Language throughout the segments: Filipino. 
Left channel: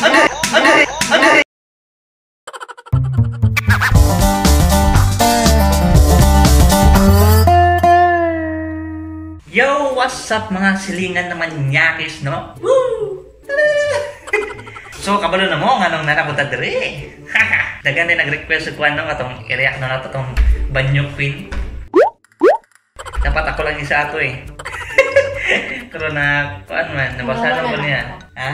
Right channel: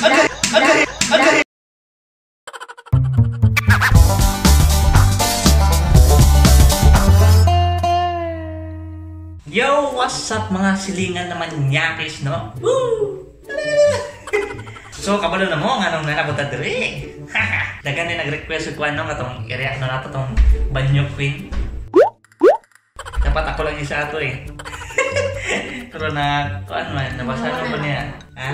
Wala. Agay. Yo, what's up mga silingan naman nyakis, no? Woo! So, kabalo na mo, nga nung nanapunta dire. Dagan din nag-request ko anong atong i-react na nato tong Banyo Queen. Dapat ako lang isa ato eh. Pero na, kuan man, nabasa na ba niya? Ha?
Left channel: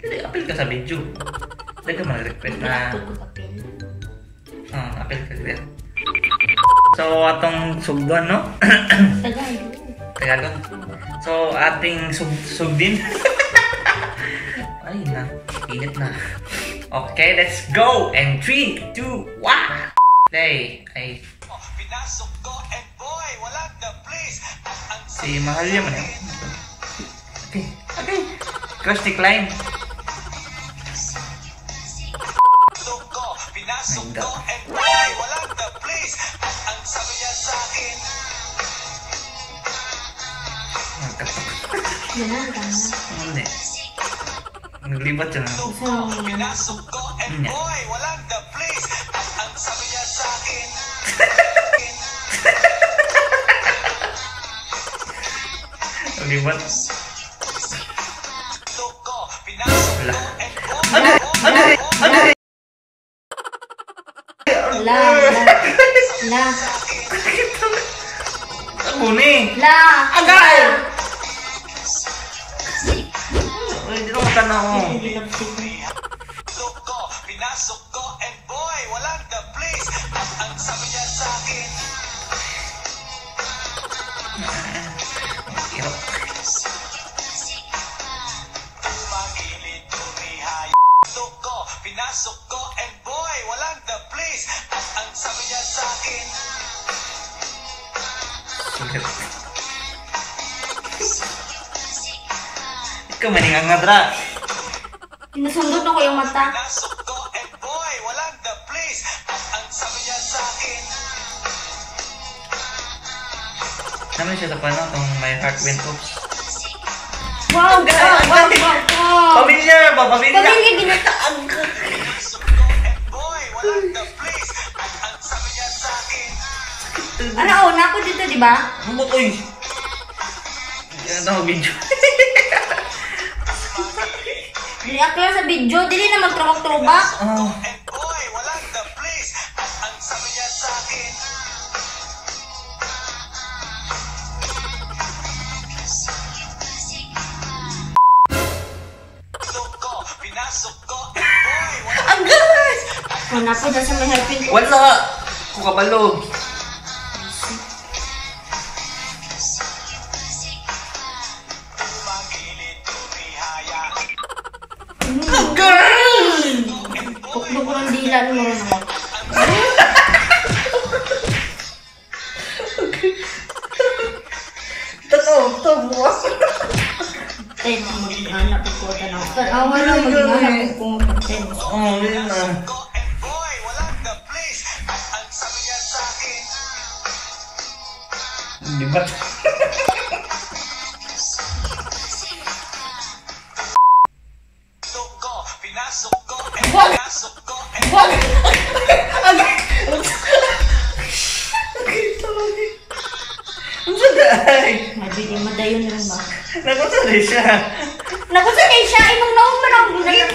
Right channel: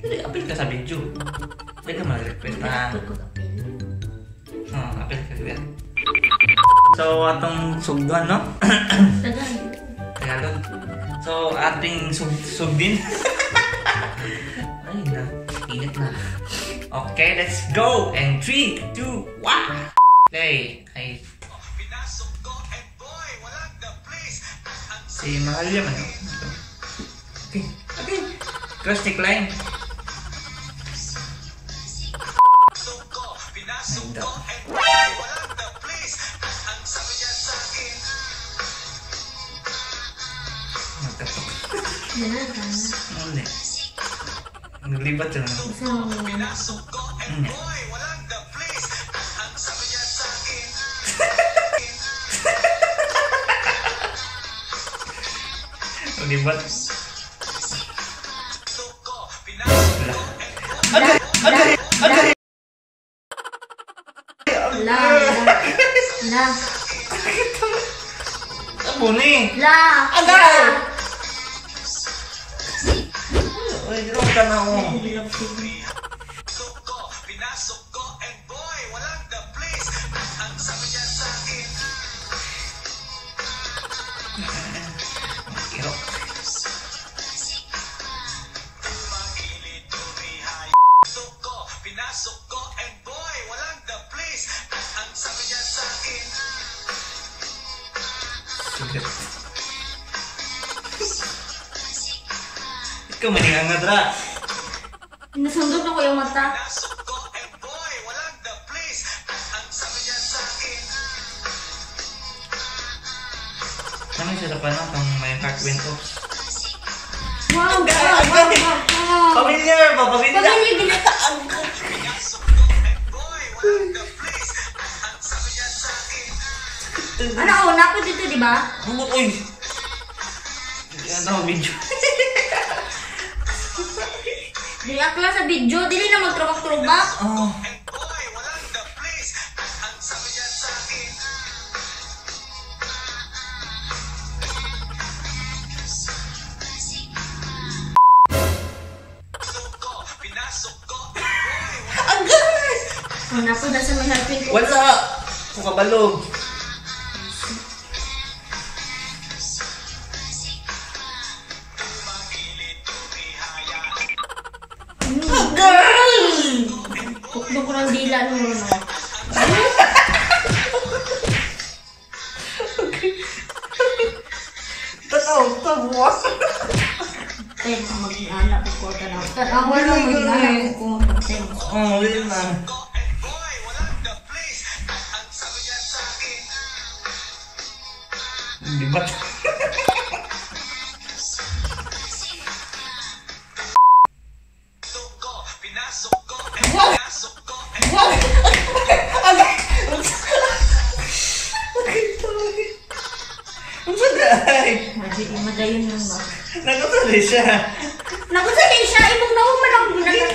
Hindi, apel ka sa video. Dagan man nag-request na. Apel ka diyan. So, atong sugdan, no? Tagalog. So, ating sugdin. Ay na, init na. Okay, let's go! And 3, 2, 1! Okay, ay... Si Mahal yaman yun. Okay. Cross the line. Nainda. Hindi. Naglibat siya na. Naglibat. Wala. Agay. La. Abuni. La. Agay. Uy, di naman ka na ako. Pinasok ko and boy, walang the place. At ang sabi niya sa akin, Irok. pinasok ko and boy, walang the place. At ang sabi niya sa akin, Sulit. Ikaw maningangadra. Pinasundot na ko yung mata. pinasok ko and boy, walang the place. At ang sabi niya sa akin, Naman siya sa pano, itong My Heart Went Oops. Wow! Pamilya ba? Pamilya? Pamilya ginataag. pinasok ko and boy, walang the place. At ang sabi niya sa akin, Ano, una ko dito, di ba? Uy! Yan ako video. React lang sa video, dili na magtrubak-trubak. Oh. and boy, walang the place. At ang sabi niya sa akin, pinasok ko and boy, walang Agay! Una ko na sa may helping. Wala! Kukabalog. magilid tumihaya. Agay! Pukdo ko ng dila mo rin ako. Tanaw, tabuwa. Tayo na maging anak ko. Tanawa na maging anak ko. Oh, yun na. Ko and boy, walang the place. At ang sabi niya sa akin, Di ba? pinasok ko and Wag! pinasok ko and Wag! Ang saday! Hindi di madayon lang ba? Nakutuloy siya. Naku sa kay siya, imong nauman ang gulat.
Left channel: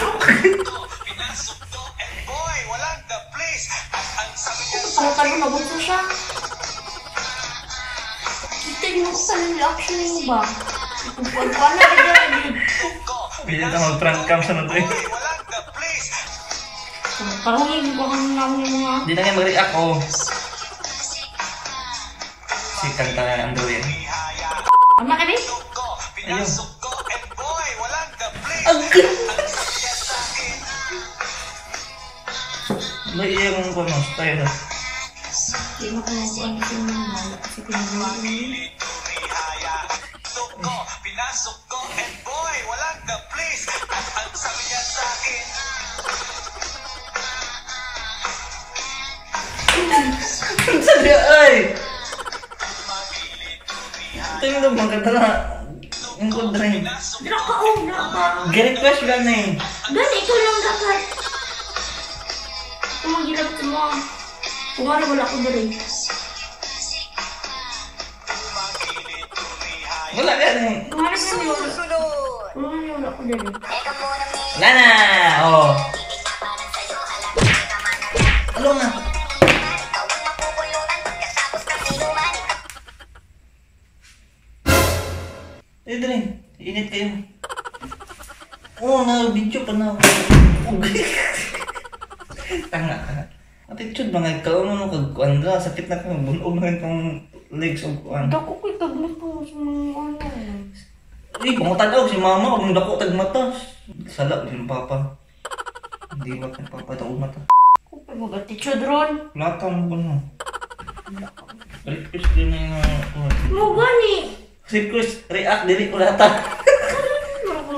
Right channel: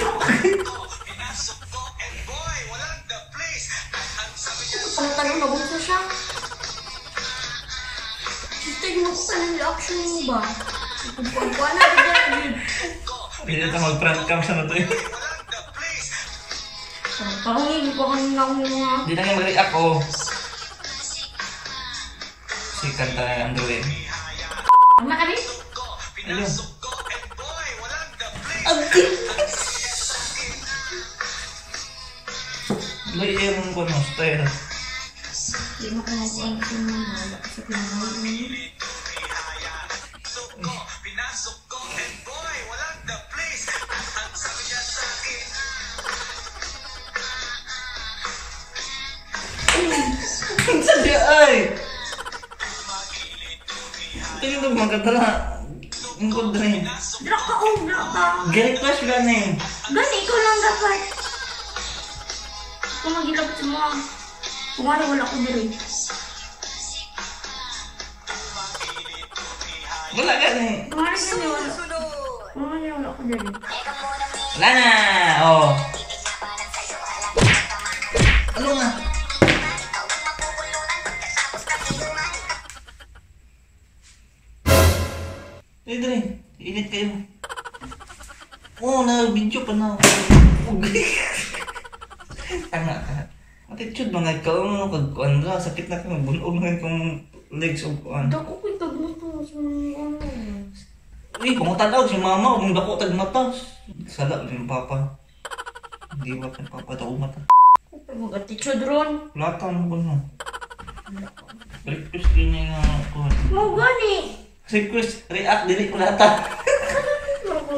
pinasok ko and boy, walang the place. At ang sabi niya sa Ang tanong nagusto siya. Kita yung ako sa reaction yung ba? Kuwan na din. Bila na mag-front cam sa nato eh. walang the place. Parang hindi ko kang nakunin mga. Di na nga mag-react oh. Si kanta na ang duwin. Ama kami? Pinasok ko and boy, walang the place. Layang ko no style. Hindi mo kung ako ang sinimala sa pinagawa. Pinasok ko and boy, walang the place. At ang sabi niya sa akin, Ang sabi ay! Tingnan mo, magkata na. Ang good rin. Dra ka o, dra ka. Gi-request lang na eh. Ganito lang dapat. Kung magilap sa mga. Kung ano wala ko dali. Wala ka na eh. Kung ano wala ko dali. Wala na! Oh. Ano nga? Idrin, init kayo. Oo, na-video pa na ako. Tanga ka. Attitude mga ikaw, ano kag-kuandra, sakit na ka, bunog na itong legs o kuan. Dako ko'y tagmato sa mga ano. Uy, pangutag si mama, kung dako tagmata. Sala, yung papa. Hindi ba kang papa daw mata? Kung ko'y mag-attitude ron. Lata mo ko na. Request din na yung kuan. Mo gani. Request, react, dili ko lata. Wala ko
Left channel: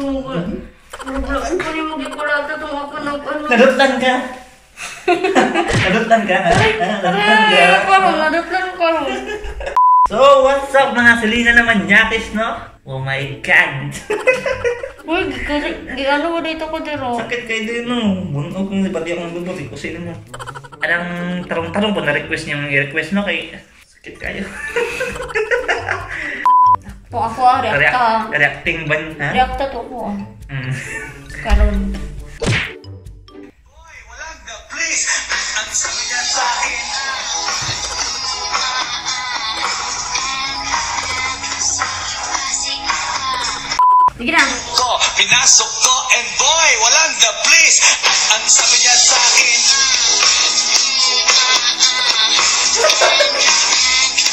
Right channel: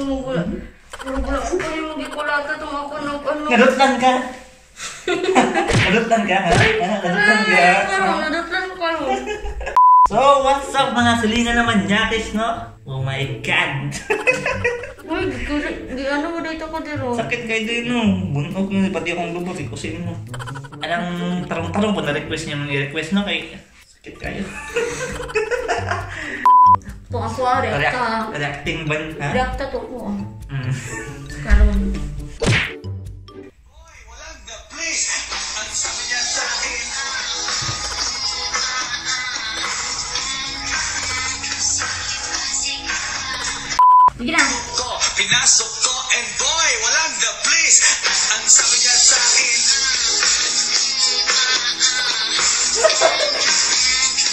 yung magikulata itong ako ng ano. Nadutlan ka. Nadutlan ka, ha? Nadutlan ka. Nadutlan ko. So, what's up mga Selena naman Yakis, no? Oh my God! Uy, ano mo dito ko dito? Sakit kayo din, no? Bunog mo, pati akong lubot, ikusin mo. Anong tarong-tarong po na-request niyo yung i-request, no? Kay sakit kayo. Kung ako reacta. Reacting ban, ha? Reacta to ko. Karon. Boy, walang the place. Ang sabi niya sa akin, Sige na. ko, pinasok ko, and boy, walang the place. At ang sabi niya sa akin,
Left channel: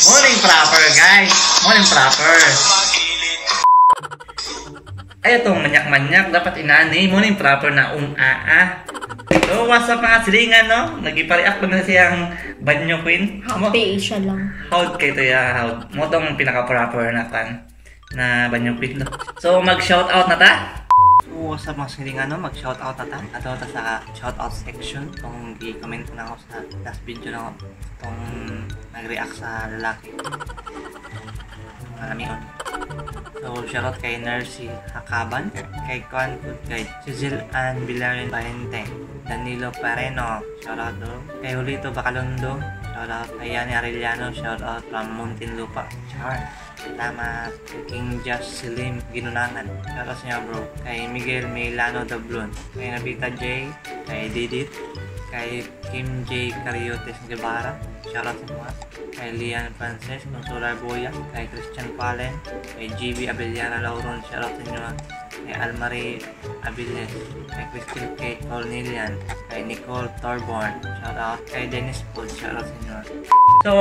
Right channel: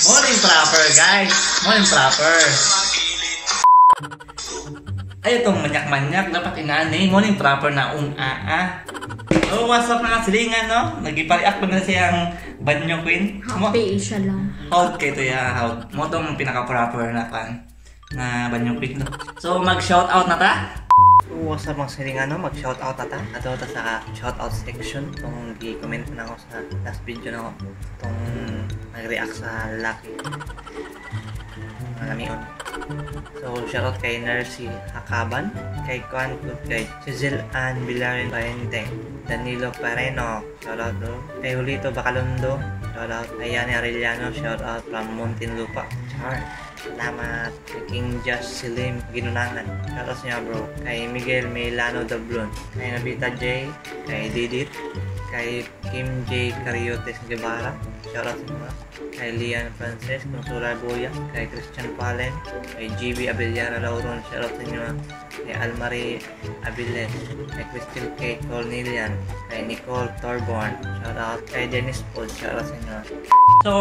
Morning proper, guys. Morning proper. magilid. Ay, itong manyak-manyak, dapat inaani. Morning proper na So, what's up mga silingan, no? Nag-ipareact na siyang banyo queen. Happy siya lang. Hold kayo to ya, hold. Mo tong pinaka-proper na kan na banyo queen, no? So, mag-shoutout na ta? So, what's up mga silingan, no? Mag-shoutout na ta? Ato ta sa shoutout section. Itong i-comment na ako sa last video na ako. Itong nag-react sa lalaki. Mga lamion. So, shoutout kay Nercy Hakaban, kay Kwan Kut, kay Cecil Ann Bilarin Valente, Danilo Pareno, shoutout do, kay Julito Bacalondo, shoutout kay Yani Arellano, shoutout from Muntinlupa, Char. Salamat kay King Josh Silim Ginunangan, shoutout niya bro, kay Miguel Milano Dablon, kay Nabita J, kay Didit, kay Kim J. Cariotes Guevara, shoutout sa mga, kay Lian Frances Consular Boya, kay Christian Palen, kay GB Abellana Lauron, shoutout sa inyo, kay Almarie Abiles, kay Crystal Kate Cornelian, kay Nicole Torborn, shoutout, kay Dennis Paul, shoutout sa inyo. So,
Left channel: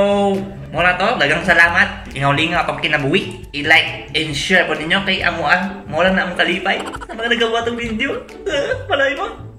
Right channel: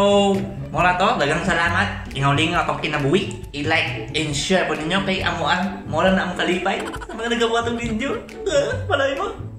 muna to, dagang salamat. Lingaw-lingaw akong kinabuhi. I-like and share po ninyo kay Amuan. Mula na akong kalipay sa mga nagawa itong video. Malay mo.